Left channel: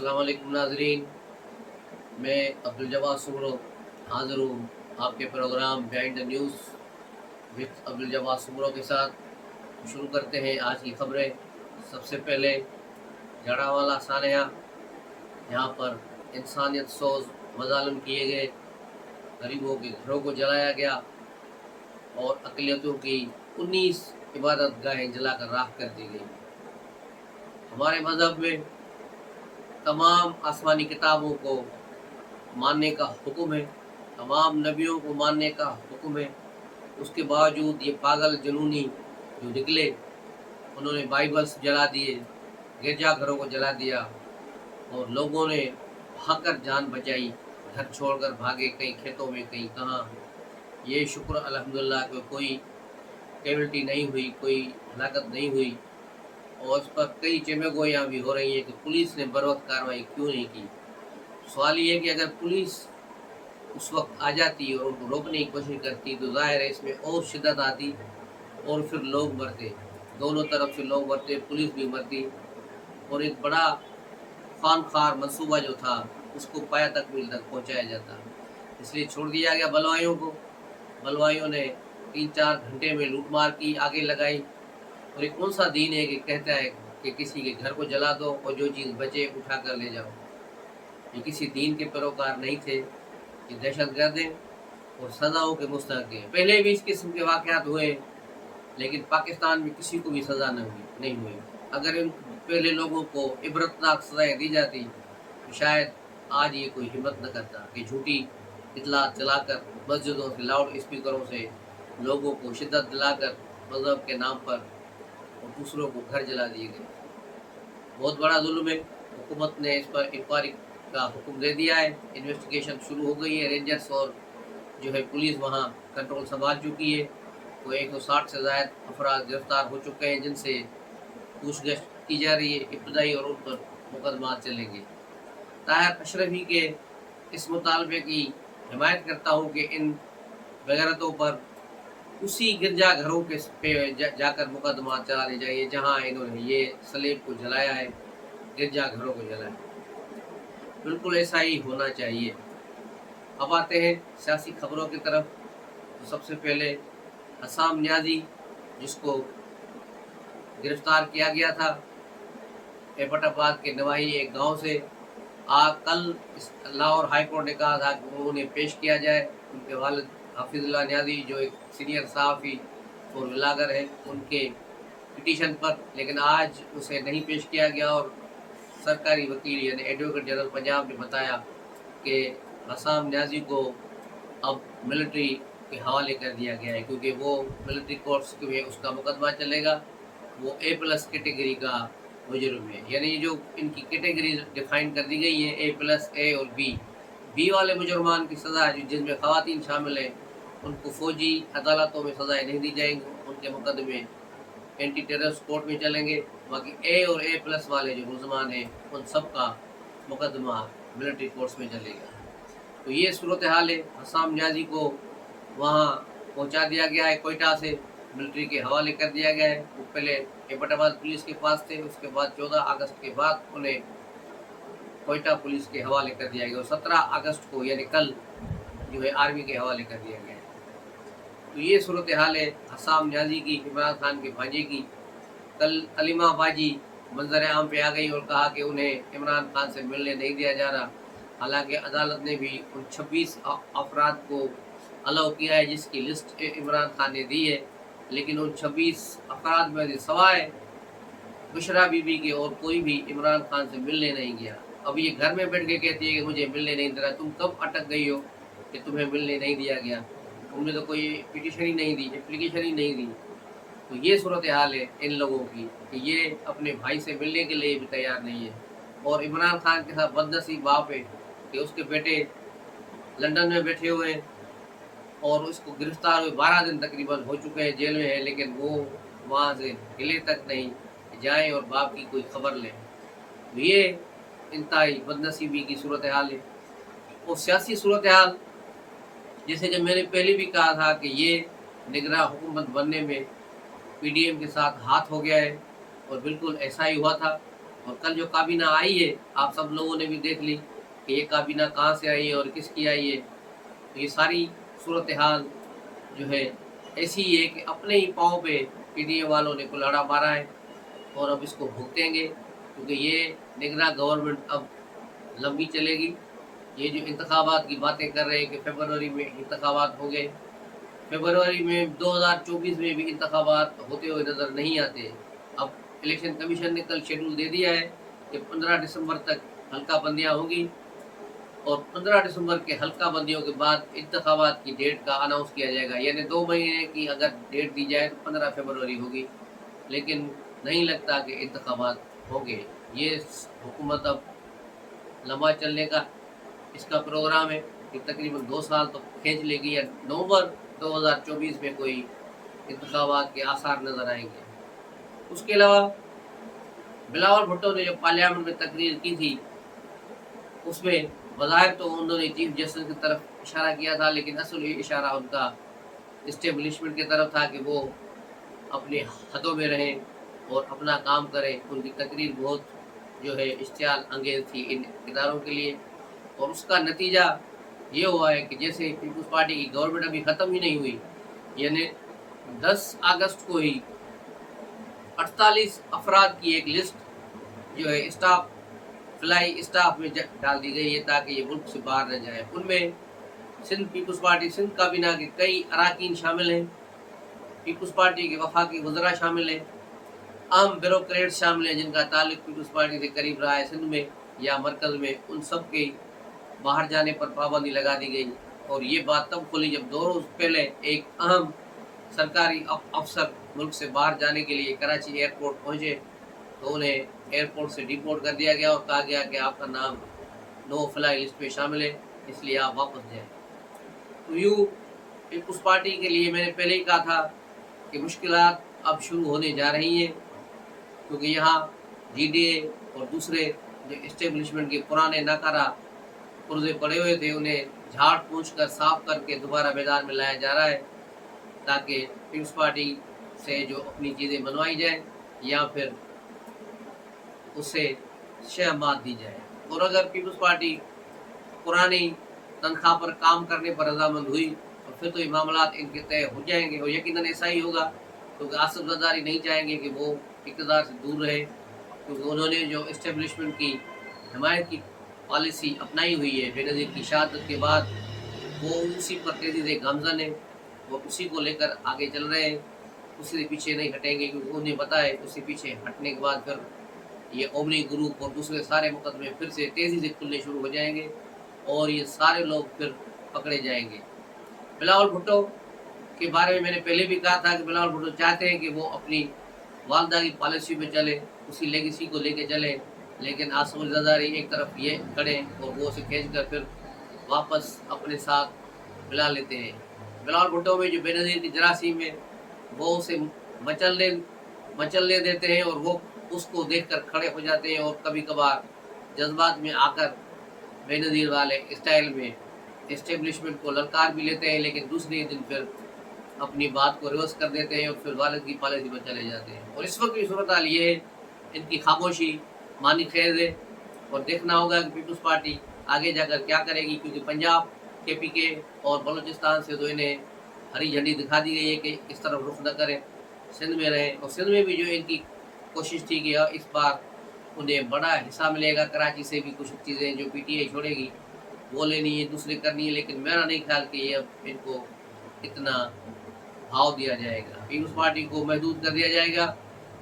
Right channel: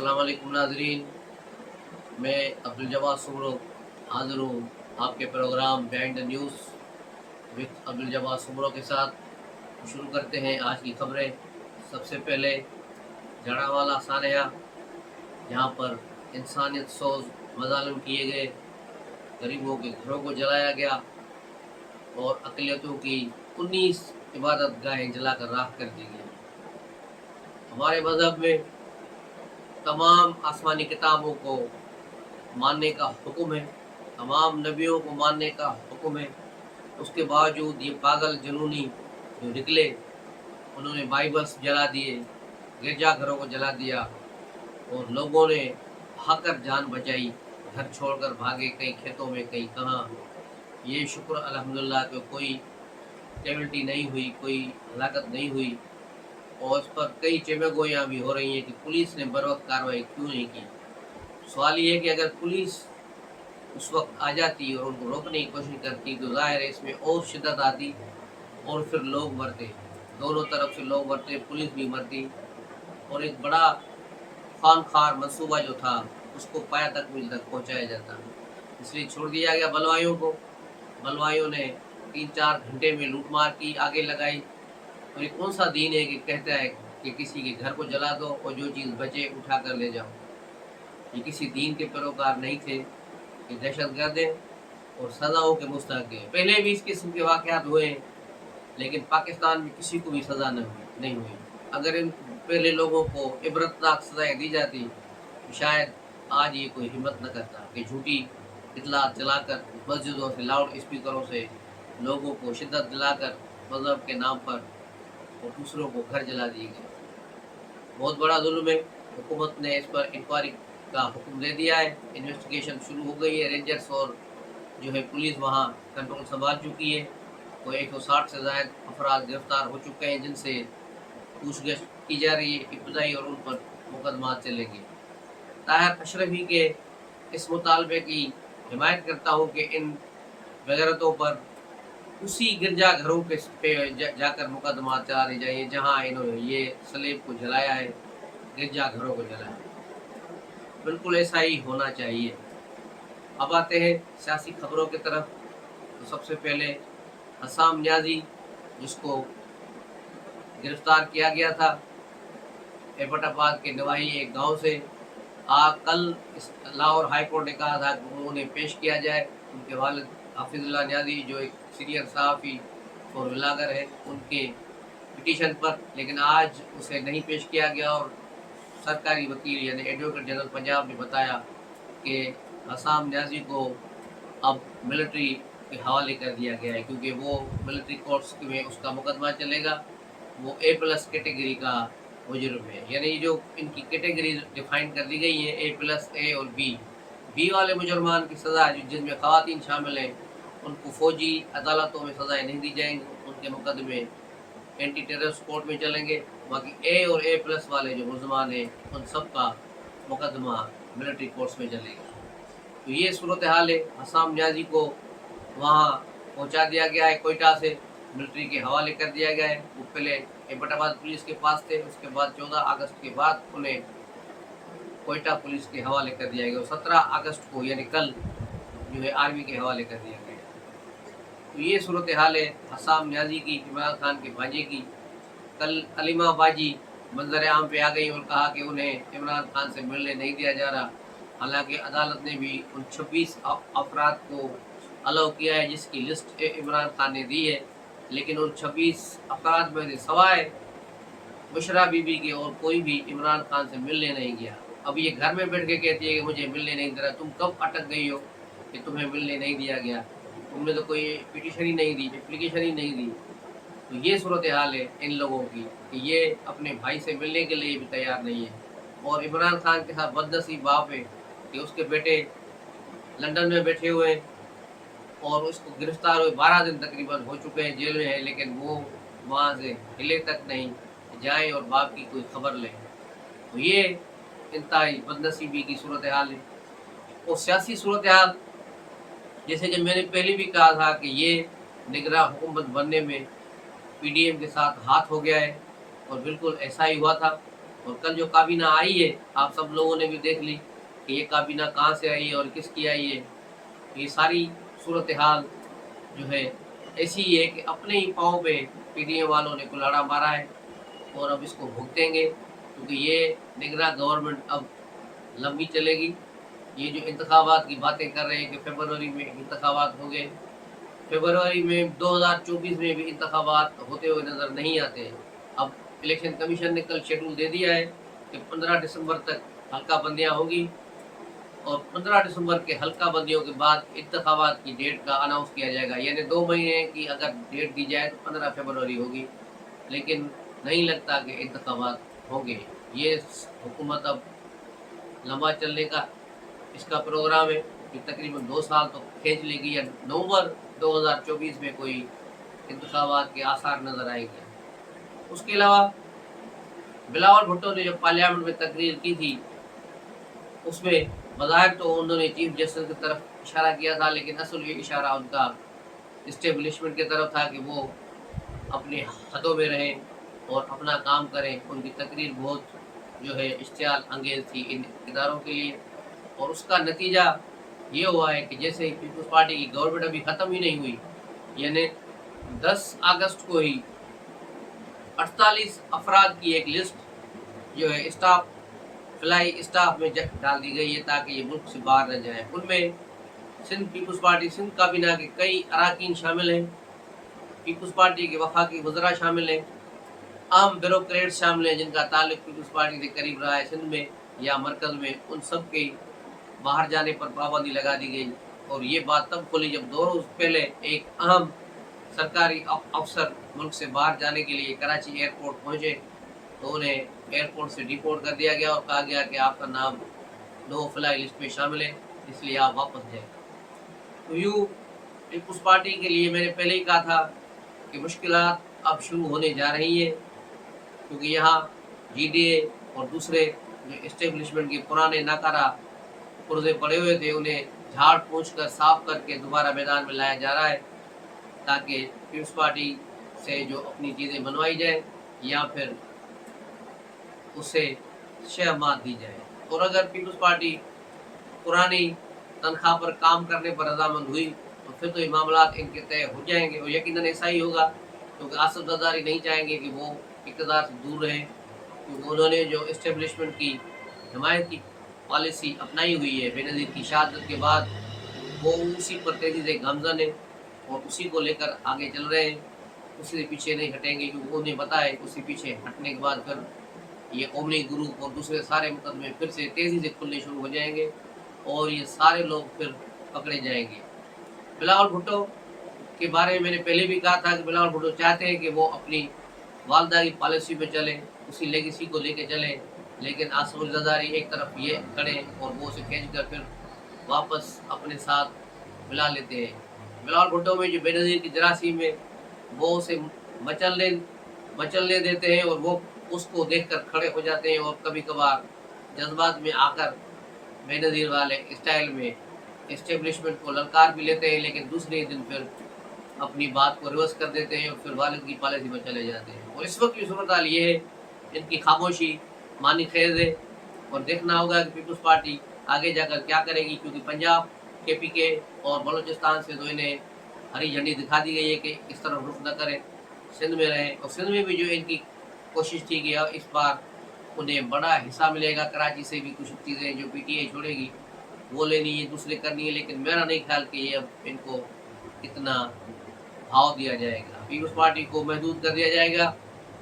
अस्सलाम वालेकुम नाजरीन, मैं अब्दुल जवाद सुमरो हाज़िर हूँ आपके programme behind the news with Abdul Jawad Soomro के साथ। शुरू करते हैं आज की खबरें। सबसे पहले जड़ावाला सानिया, जहाँ पर इंसानियत सोज मज़ालिम किए गए, गरीबों के घरों को जलाया गया और अक़लियतों की 19 इबादत गाहें जलाकर राख कर दी गई। हमारे मज़हब में तमाम आसमानी किताबों को मानने का हुक्म है, तमाम नबियों को मानने का हुक्म है। उसके बावजूद ये पागल जुनूनी जो निकले, उन्होंने बाइबल्स जला दिए, गिरजा घरों को जला दिया और लोगों ने भागकर जान बचाई, घर छोड़कर भागे, कहीं खेतों में, कहीं कहाँ। ये शुक्र अल्हम्दुलिल्लाह कि कोई कैजुअल्टी नहीं हुई, कोई हलाकत नहीं हुई और उस पर कई चेमेगोयाँ भी हो रही हैं कि पुलिस ने बर वक्त कार्रवाई क्यों नहीं की। सवाल ये है कि अगर पुलिस उस वक्त आ जाती और उनको रोकने की कोशिश करती तो ज़ाहिर है इसमें और शिद्दत आती और फिर लोग मरते, दोनों तरफ से लोग मरते, पुलिस भी मरती और एक बड़ा खानखार मंसूबा जो था उसको पाया तकमील तक पहुंचाया जाता। इसलिए छोड़ दिया गया बलवाइयों को। बलवाइयों ने 3-4 घंटे में लूटमार की, आगे लगाई। और ये कौन सा दीन है कि कहता है कि किसी के घर को जला दो और जो चीज़ बचे उठा कर ले जाओ। ये किसी दीन के पैरोकार नहीं थे, ये दहशतगर्द हैं और सज़ाओं के मुस्तहक़ हैं। पहले भी इस किस्म के वाक़यात हुए हैं, लेकिन पाकिस्तान में किसी को भी सज़ा नहीं हुई। अगर इन पहले लोगों को इबरतनाक सज़ाएँ दी जाती तो शायद आज ये कोई हिम्मत न करता कि झूठी इतलात चलाकर मस्जिदों से, लाउड स्पीकरों से लोगों को शिद्दत दिलाकर मज़हब के नाम पर और दूसरों को घर जला दिए गए। बहुत बड़ा जुल्म है। हुकूमत ने इस पर इंक्वायरी का हुक्म दे दिया है, इन्वेस्टिगेशन शुरू हो गई है। रेंजर्स और जो है पुलिस वहाँ कंट्रोल संभाल चुकी है। कोई 160 से ज़ायद अफराद गिरफ्तार हो चुके हैं जिनसे पूछगछ की जा रही है इब्तदाई और उन पर मुकदमा चलेंगे। ताहिर अशरफी के इस मुतालबे की हिमायत करता हूँ कि इन बेगैरतों पर उसी गिरजा घरों के पे जाकर मुकदमा चलाने चाहिए जहाँ इन्होंने ये सलेब को जलाया है, गिरजा घरों को जलाया है। बिल्कुल ऐसा ही होना चाहिए। अब आते हैं सियासी खबरों की तरफ। तो सबसे पहले हसाम न्याजी, जिसको गिरफ्तार किया गया था एबटाबाद के नवाही एक गांव से, कल लाहौर हाई कोर्ट ने कहा था कि उन्हें पेश किया जाए। उनके वालिद हाफिजुल्लाह न्याजी जो एक सीनियर सहाफ़ी और ब्लॉगर है, उनके पिटीशन पर, लेकिन आज उसे नहीं पेश किया गया और सरकारी वकील यानी एडवोकेट जनरल पंजाब ने बताया कि हसाम न्याजी को अब मिलिट्री के हवाले कर दिया गया है, क्योंकि वो मिलिट्री कोर्ट्स में उसका मुकदमा चलेगा। वो A+ कैटेगरी का मुजरिम है। यानी जो इनकी कैटेगरी डिफाइन कर दी गई हैं A+, A और बी वाले मुजरमान की सज़ा जिनमें ख़वातीन शामिल हैं उनको फ़ौजी अदालतों में सज़ाएँ नहीं दी जाएंगी, उनके मुकदमे एंटी टेररिस्ट कोर्ट में चलेंगे। बाकी A और A+ वाले जो मुलजमान हैं उन सब का मुकदमा मिलिट्री कोर्ट्स में चलेगा। तो ये सूरत हाल है। हसाम न्याजी को वहाँ पहुँचा दिया गया है, कोयटा से मिलिट्री के हवाले कर दिया गया है। वो पहले एबटाबाद पुलिस के पास थे, उसके बाद 14 अगस्त के बाद उन्हें कोयटा पुलिस के हवाले कर दिया गया और 17 अगस्त को यानी कल जो है आर्मी के हवाले कर दिया गया है। तो ये सूरत हाल है हसाम न्याजी की, इमरान खान के भांजे की। कल अलीमा बाजी मंजर आम पे आ गई और कहा कि उन्हें इमरान खान से मिलने नहीं दिया जा रहा। हालांकि अदालत ने भी उन 26 अफराद को अलाउ किया है जिसकी लिस्ट इमरान खान ने दी है, लेकिन उन 26 अफराद में से सवाए बुशरा बीबी के और कोई भी इमरान खान से मिलने नहीं गया। अब ये घर में बैठ के कहती है कि मुझे मिलने नहीं दे रहा। तुम कब अटक गई हो कि तुम्हें मिलने नहीं दिया गया? तुमने तो कोई पिटीशन ही नहीं दी, एप्लीकेशन ही नहीं दी। तो ये सूरत हाल है इन लोगों की कि ये अपने भाई से मिलने के लिए भी तैयार नहीं है। और इमरान खान के साथ बदनसीब बाप है कि उसके बेटे लंदन में बैठे हुए हैं और उसको गिरफ्तार हुए 12 दिन तकरीबन हो चुके हैं, जेल में है, लेकिन वो वहाँ से हिले तक नहीं जाएं और बाप की कोई खबर लें। तो ये इंतहाई बदनसीबी की सूरत हाल है। और सियासी सूरत हाल, जैसे कि मैंने पहले भी कहा था कि ये निगरां हुकूमत बनने में PDM के साथ हाथ हो गया है और बिल्कुल ऐसा ही हुआ था। और कल जो काबीना आई है, आप सब लोगों ने भी देख ली कि ये काबीना कहाँ से आई है और किसकी आई है। ये सारी सूरत हाल जो है ऐसी ही है कि अपने ही पाँव पे पीडीएम वालों ने कुल्हाड़ा मारा है और अब इसको भुगतेंगे, क्योंकि ये निगरान गवर्नमेंट अब लंबी चलेगी। ये जो इंतखाबात की बातें कर रहे हैं कि फरवरी में इंतखाबात होंगे, फरवरी में 2024 में भी इंतखाबात होते हुए नज़र नहीं आते। अब इलेक्शन कमीशन ने कल शेड्यूल दे दिया है कि 15 दिसंबर तक हल्का बंदियाँ होंगी और 15 दिसंबर के हल्का बंदियों के बाद इंतखाबात की डेट का अनाउंस किया जाएगा। यानी 2 महीने की अगर डेट दी जाए तो 15 फरवरी होगी, लेकिन नहीं लगता कि इंतखाबात होंगे। ये हुकूमत अब लंबा चलने का इसका प्रोग्राम है कि तकरीबन 2 साल तो खींच लेगी या नवंबर 2024 में कोई इंतखाबात के आसार नज़र आएंगे। उसके अलावा बिलावल भुट्टो ने जो पार्लियामेंट में तकरीर की थी, उसमें बज़ाहिर तो उन्होंने चीफ जस्टिस की तरफ इशारा किया था, लेकिन असल ये इशारा उनका इस्टेब्लिशमेंट की तरफ था कि वो अपने हदों में रहें और अपना काम करें। उनकी तकरीर बहुत जो है इश्तियाल अंगेज़ थी इन इदारों के लिए, और उसका नतीजा ये हुआ है कि जैसे ही पीपल्स पार्टी की गवर्नमेंट अभी ख़त्म ही नहीं हुई, यानी 10 अगस्त को ही 48 अफराद की एक लिस्ट जो है स्टाफ फ्लाई स्टाफ में डाल दी गई है ताकि ये मुल्क से बाहर न जाए। उनमें सिंध पीपल्स पार्टी सिंध काबीना के कई अरकान शामिल हैं, पीपल्स पार्टी के वफाकी वज़रा शामिल हैं, आम ब्यूरोक्रेट्स शामिल हैं जिनका ताल्लुक पीपल्स पार्टी से करीब रहा है सिंध में या मरकज़ में। उन सब के बाहर जाने पर पाबंदी लगा दी गई, और ये बात तब खुली जब 2 रोज़ पहले एक अहम सरकारी अफसर मुल्क से बाहर जाने के लिए कराची एयरपोर्ट पहुँचे, तो उन्हें एयरपोर्ट से डिपोर्ट कर दिया गया और कहा गया कि आपका नाम नो फ्लाई लिस्ट में शामिल है, इसलिए आप वापस जाएं। तो यूँ पीपल्स पार्टी के लिए मैंने पहले ही कहा था कि मुश्किलात अब शुरू होने जा रही हैं, क्योंकि यहाँ जीडीए और दूसरे जो इस्टेब्लिशमेंट के पुराने नाकारा पुर्जे पड़े हुए थे, उन्हें झाड़ पोंछ कर साफ करके दोबारा मैदान में लाया जा रहा है, ताकि पीपल्स पार्टी से जो अपनी चीज़ें बनवाई जाए या फिर उसे शह मात दी जाए। और अगर पीपल्स पार्टी पुरानी तनख्वाह पर काम करने पर रजामंद हुई तो फिर तो ये मामलात इनके तय हो जाएंगे, और यकीनन ऐसा ही होगा, क्योंकि आसिफ जरदारी नहीं चाहेंगे कि वो इक़्तिदार से दूर रहे, क्योंकि उन्होंने जो इस्टेब्लिशमेंट की हिमायत की पॉलिसी अपनाई हुई है बेनज़ीर की शहादत के बाद, वो उसी पर तेज़ी से गामज़न है और उसी को लेकर आगे चल रहे हैं, उसी से पीछे नहीं हटेंगे, क्योंकि उन्हें पता है उसी पीछे हटने के बाद फिर ये ओमनी ग्रुप और दूसरे सारे मुकदमे फिर से तेज़ी से खुलने शुरू हो जाएंगे और ये सारे लोग फिर पकड़े जाएंगे। बिलावल भुट्टो के बारे में मैंने पहले भी कहा था कि बिलावल भुट्टो चाहते हैं कि वो अपनी वालदा की पॉलिसी पे चले, उसी लेगेसी को लेके चलें, लेकिन आसिफ जरदारी एक तरफ ये करें और वो उसे खींच कर फिर वापस अपने साथ मिला लेते हैं। बिलावल भुट्टो में जो बेनज़ीर की जरासीम है, वो उसे मचलने देते हैं और वो उसको देखकर खड़े हो जाते हैं, और कभी कभार जज्बात में आकर बेनज़ीर वाले स्टाइल में इस्टेब्लिशमेंट को ललकार भी लेते हैं, लेकिन दूसरे दिन फिर अपनी बात को रिवर्स कर देते हैं और फिर वालिद की पॉलिसी पर चले जाते हैं। और इस वक्त की सूरत हाल ये है, इनकी खामोशी मानी खेज है, और देखना होगा कि पीपल्स पार्टी आगे जाकर क्या करेगी, क्योंकि पंजाब KPK और बलूचिस्तान से तो इन्हें हरी झंडी दिखा दी गई है कि इस तरफ रुख न करें, सिंध में रहें। और सिंध में भी जो इनकी कोशिश थी कि इस बार उन्हें बड़ा हिस्सा मिलेगा, कराची से भी कुछ चीज़ें जो PTI छोड़ेगी वो लेनी है, दूसरे करनी है, लेकिन मेरा नहीं ख्याल कि ये अब इनको इतना भाव दिया जाएगा, पीपल्स पार्टी को महदूद कर दिया जाएगा।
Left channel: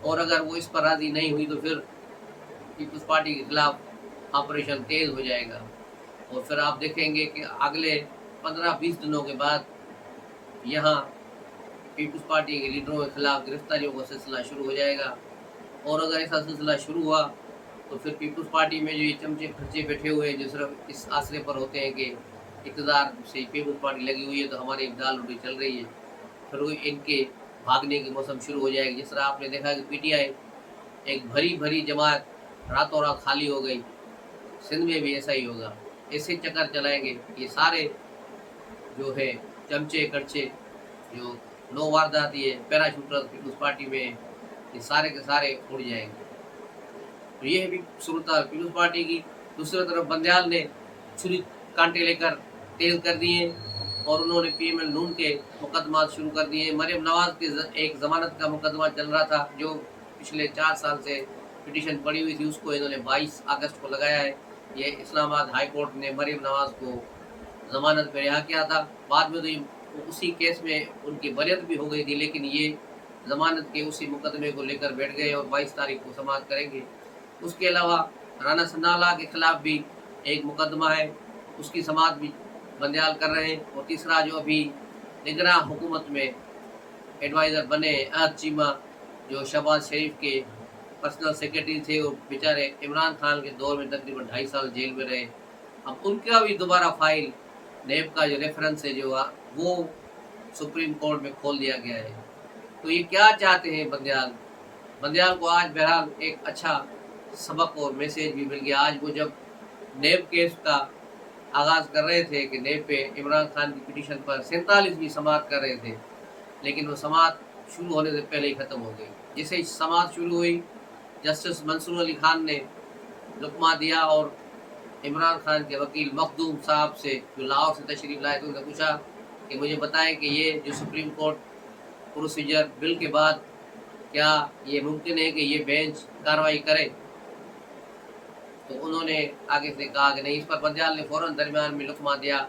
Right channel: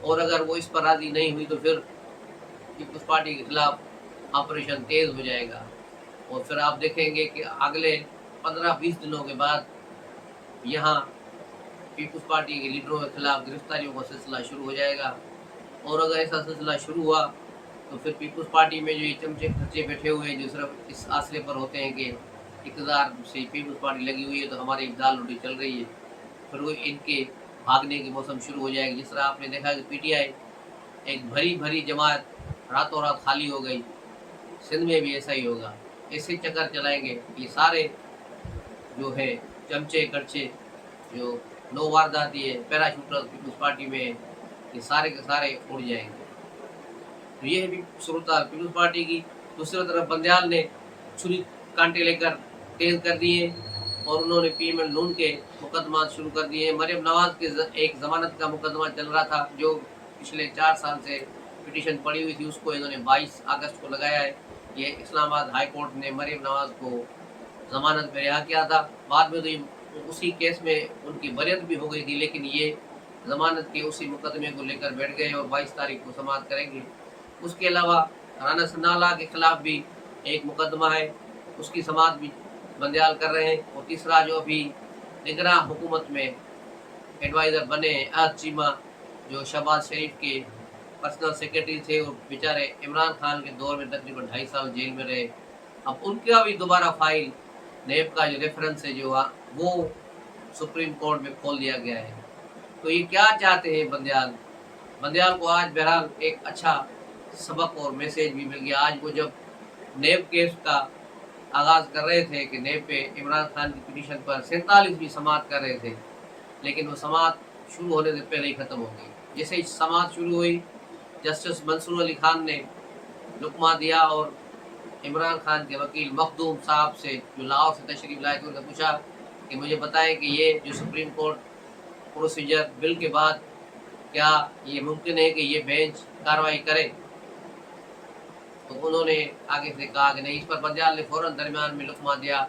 और अगर वो इस पर राज़ी नहीं हुई तो फिर पीपल्स पार्टी के खिलाफ ऑपरेशन तेज़ हो जाएगा, और फिर आप देखेंगे कि अगले 15-20 दिनों के बाद यहाँ पीपल्स पार्टी के लीडरों के खिलाफ गिरफ्तारियों का सिलसिला शुरू हो जाएगा। और अगर ऐसा सिलसिला शुरू हुआ तो फिर पीपल्स पार्टी में जो ये चमचे खर्चे बैठे हुए हैं, जो सिर्फ इस आसरे पर होते हैं कि इक़्तिदार से पीपल्स पार्टी लगी हुई है तो हमारी दाल रोटी चल रही है, फिर वो इनके भागने की मौसम शुरू हो जाएगी। जिस तरह आपने देखा कि PTI एक भरी भरी जमात रातों रात खाली हो गई, सिंध में भी ऐसा ही होगा। ऐसे चक्कर चलाएंगे, ये सारे जो है चमचे कड़चे जो नो वारदाती है पैराशूटर पीपल्स पार्टी में, ये सारे के सारे उड़ जाएंगे। तो ये है भी सूरत पीपल्स पार्टी की। दूसरी तरफ बंदयाल ने छुरी कांटे लेकर तेज कर दिए और उन्होंने पीएमएल नून के मुकदमा शुरू कर दिए। मरियम नवाज के एक ज़मानत का मुकदमा चल रहा था जो पिछले 4 साल से पिटीशन पड़ी हुई थी, उसको इन्होंने 22 अगस्त को लगाया है। ये इस्लामाबाद हाई कोर्ट ने मरियम नवाज को ज़मानत पे रिहा किया था। बाद में तो ये उसी केस में उनकी बरियत भी हो गई थी, लेकिन ये ज़मानत के उसी मुकदमे को लेकर बैठ गए और 22 तारीख को समाप्त करेंगे। उसके अलावा राना सन्नाल्लाह के खिलाफ भी एक मुकदमा है, उसकी समाप्त भी बंदयाल कर रहे हैं। और तीसरा जो अभी निगरान हुकूमत में एडवाइज़र बने अहद चीमा, जो शहबाज शरीफ के पर्सनल सेक्रेटरी थे और बेचारे इमरान खान के दौर में तकरीबन 2.5 साल जेल में रहे। अब उनका भी दोबारा फाइल नेब का जो रेफरेंस है जो वो सुप्रीम कोर्ट में खोल दिया गया है। तो ये क्या चाहते हैं बंदयाल? बंदयाल को आज बहरहाल एक अच्छा सबक और मैसेज भी मिल गया। आज वो जब नेब केस का आगाज़ कर रहे थे कि नेब पे इमरान खान की पिटीशन पर 47वीं समाअत कर रहे थे, लेकिन वो समाअत शुरू होने से पहले ही ख़त्म हो गई। जैसे ही समाअत शुरू हुई, जस्टिस मंसूर अली खान ने लुकमा दिया और इमरान खान के वकील मखदूम साहब से, जो लाहौर से तशरीफ़ लाए थे, उनसे पूछा कि मुझे बताएं कि ये जो सुप्रीम कोर्ट प्रोसीजर बिल के बाद क्या ये मुमकिन है कि ये बेंच कार्रवाई करे? तो उन्होंने आगे से कहा कि नहीं। इस पर बंदयाल ने फ़ौरन दरमियान में लुकमा दिया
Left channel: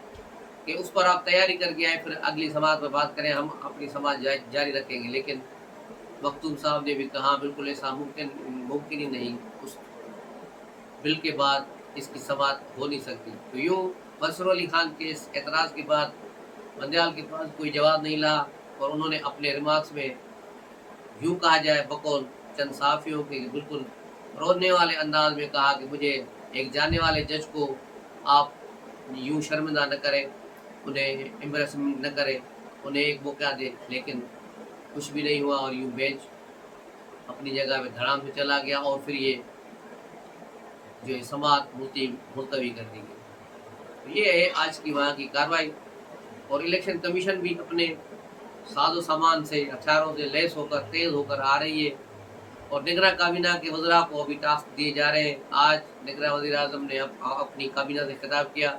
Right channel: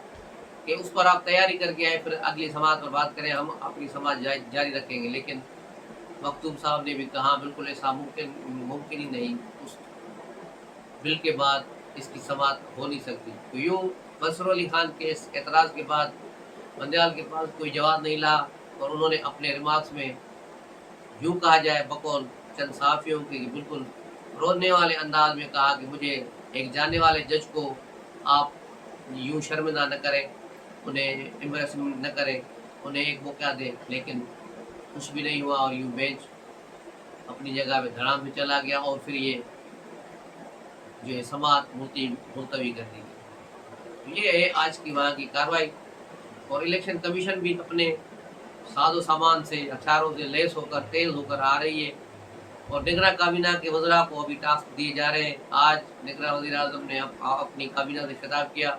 कि उस पर आप तैयारी करके आए, फिर अगली समाअत पर बात करें, हम अपनी समाअत जारी रखेंगे। लेकिन मखदूम साहब ने भी कहा बिल्कुल ऐसा मुमकिन ही नहीं, उस बिल के बाद इसकी समाअत हो नहीं सकती। तो यूँ मंसूर अली खान के इस एतराज़ के बाद बंदयाल के पास कोई जवाब नहीं रहा और उन्होंने अपने रिमार्क्स में यूँ कहा जाए बकौल चंद सहाफ़ियों के बिल्कुल रोने वाले अंदाज में कहा कि मुझे एक जानने वाले जज को आप यूँ शर्मिंदा न करें, उन्हें एम्बैरेसमेंट न करें, उन्हें एक मौका दें। लेकिन कुछ भी नहीं हुआ और यूँ बेंच अपनी जगह पे धड़ाम से चला गया और फिर ये जो है समाअत मुलतवी कर दी गई। तो ये है आज की वहाँ की कार्रवाई। और इलेक्शन कमीशन भी अपने साजो सामान से, हथियारों से लैस होकर तेज़ होकर आ रही है और निगरां काबीना के वज़रा को अभी टास्क दिए जा रहे हैं। आज निगरां वज़ीर आज़म ने अपनी काबीना से खिताब किया,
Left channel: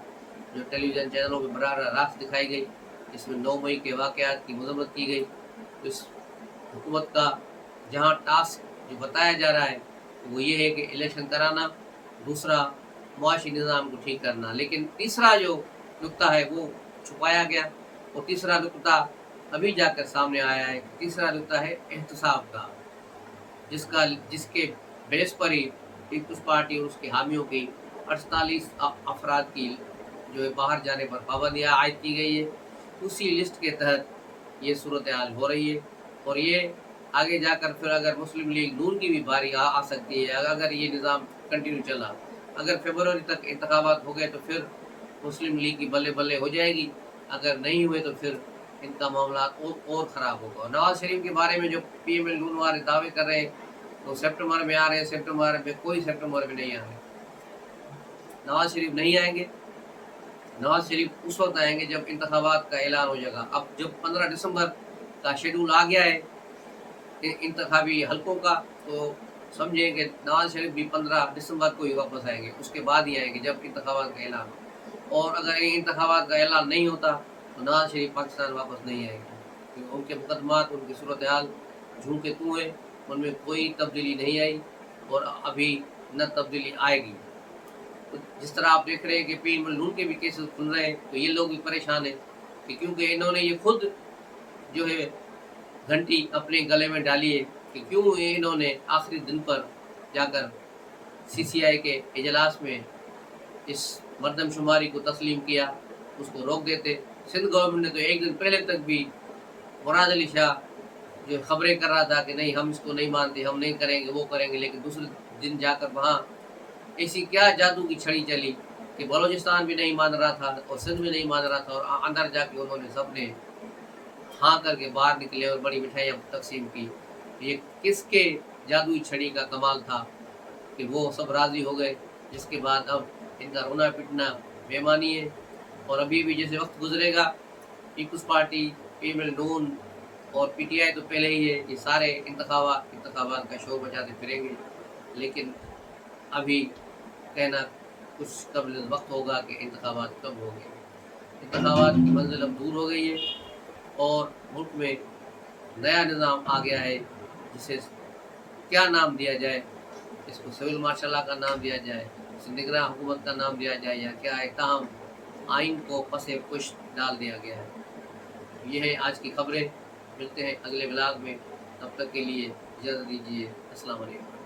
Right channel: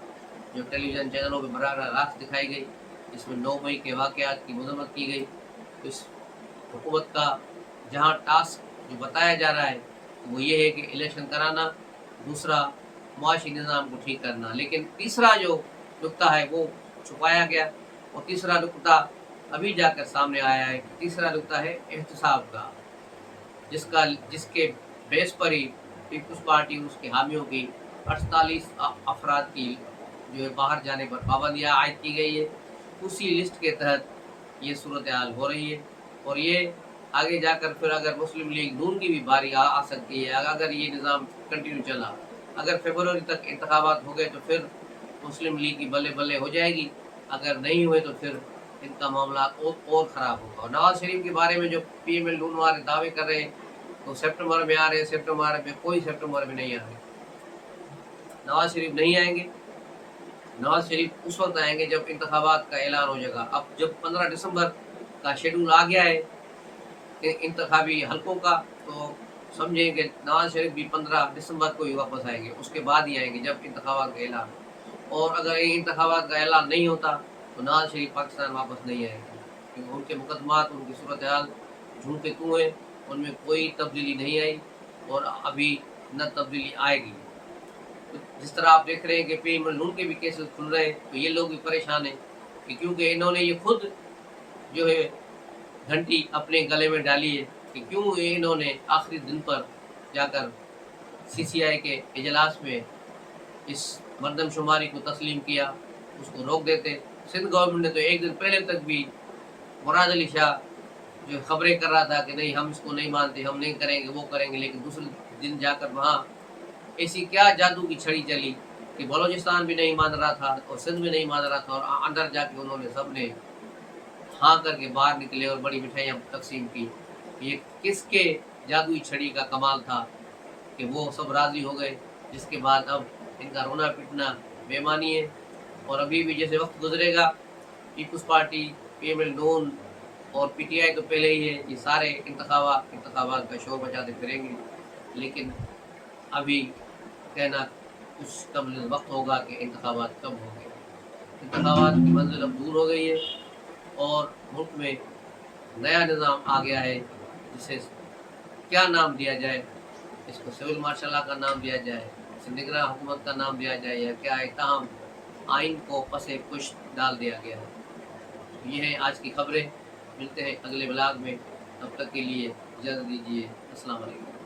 जो टेलीविज़न चैनलों पर बराह रास्त दिखाई गई, जिसमें 9 मई के वाक़यात की मज़म्मत की गई। तो इस हुकूमत का जहाँ टास्क जो बताया जा रहा है वो ये है कि इलेक्शन कराना, दूसरा मुआशी निज़ाम को ठीक करना। लेकिन तीसरा जो नुक्ता है वो छुपाया गया और तीसरा नुक्ता अभी जाकर सामने आया है। तीसरा नुक्ता है एहतसाब का, जिसके बेस पर ही पीपल्स पार्टी और उसके हामियों की 48 अफराद की जो है बाहर जाने पर पाबंदियाँ आयद की गई है। उसी लिस्ट के तहत ये सूरत हाल हो रही है और ये आगे जाकर फिर अगर मुस्लिम लीग नून की भी बारी आ सकती है। अगर ये निज़ाम कंटिन्यू चला, अगर फरवरी तक इंतखाबात हो गए तो फिर मुस्लिम लीग की बल्ले बल्ले हो जाएगी, अगर नहीं हुए तो फिर इनका मामला और ख़राब होगा। और नवाज़ शरीफ के बारे में जो पीएमएल नून वाले दावे कर रहे हैं तो सितंबर में आ रहे हैं, सितंबर में कोई सितंबर में नहीं आ रहे। नवाज़ शरीफ नहीं आएंगे। नवाज़ शरीफ उस वक्त आएंगे जब इंतखाबात का ऐलान हो जाएगा। अब जब 15 दिसंबर का शेड्यूल आ गया है इंतखाबी हलकों का, तो समझें कि नवाज़ शरीफ भी 15 दिसंबर को ही वापस आएंगे, उसके बाद ही आएंगे जब इंतखाबात का ऐलान हो। और अगर इंतखाबात का ऐलान नहीं होता तो नवाज़ शरीफ पाकिस्तान वापस नहीं आएंगे, क्योंकि उनके मुकदमात, उनकी सूरत हाल झूम के तू हैं, उनमें कोई तब्दीली नहीं आई और अभी न तब्दीली आएगी। तो जिस तरह आप देख रहे हैं कि पीएमएल नून के भी केसेस खुल रहे हैं, तो ये लोग भी परेशान हैं कि क्योंकि इन्होंने ये खुद जो है घंटी अपने गले में डाली है कि क्यों इन्होंने आखिरी दिन पर जाकर सीसीआई के इजलास में इस मरदमशुमारी को तस्लीम किया, उसको रोक देते। सिंध गवर्नमेंट ने तो एक दिन पहले तक भी मुराद अली शाह जो खबरें कर रहा था कि नहीं हम इसको नहीं मानते, हम नहीं करेंगे, वो करेंगे, लेकिन दूसरे दिन जाकर वहाँ ऐसी क्या जादू की छड़ी चली कि बलूचिस्तान भी नहीं मान रहा था और सिंध भी नहीं मान रहा था और अंदर जाके उन्होंने सबने हाँ करके बाहर निकले और बड़ी मिठाइयाँ तकसीम की। ये किसके जादुई छड़ी का कमाल था कि वो सब राज़ी हो गए, जिसके बाद अब इनका रोना पिटना बेमानी है। और अभी भी जैसे वक्त गुजरेगा पीपल्स पार्टी, पीएमएल नून और पीटीआई तो पहले ही है, ये सारे इंतखाबात का शोर मचाते फिरेंगे। लेकिन अभी कहना कुछ कबल वक्त होगा कि इंतखाबात कब होंगे। इंतखाबात की मंजिल अब दूर हो गई है और मुल्क में नया निज़ाम आ गया है, जिसे क्या नाम दिया जाए, इसको सिविल मार्शल लॉ का नाम दिया जाए, इसे निगरान हुकूमत का नाम दिया जाए या क्या है, ताहम आइन को पसे पुश डाल दिया गया है। ये है आज की खबरें। मिलते हैं अगले ब्लॉग में, तब तक के लिए इजाज़त दीजिए। अस्सलाम वालेकुम।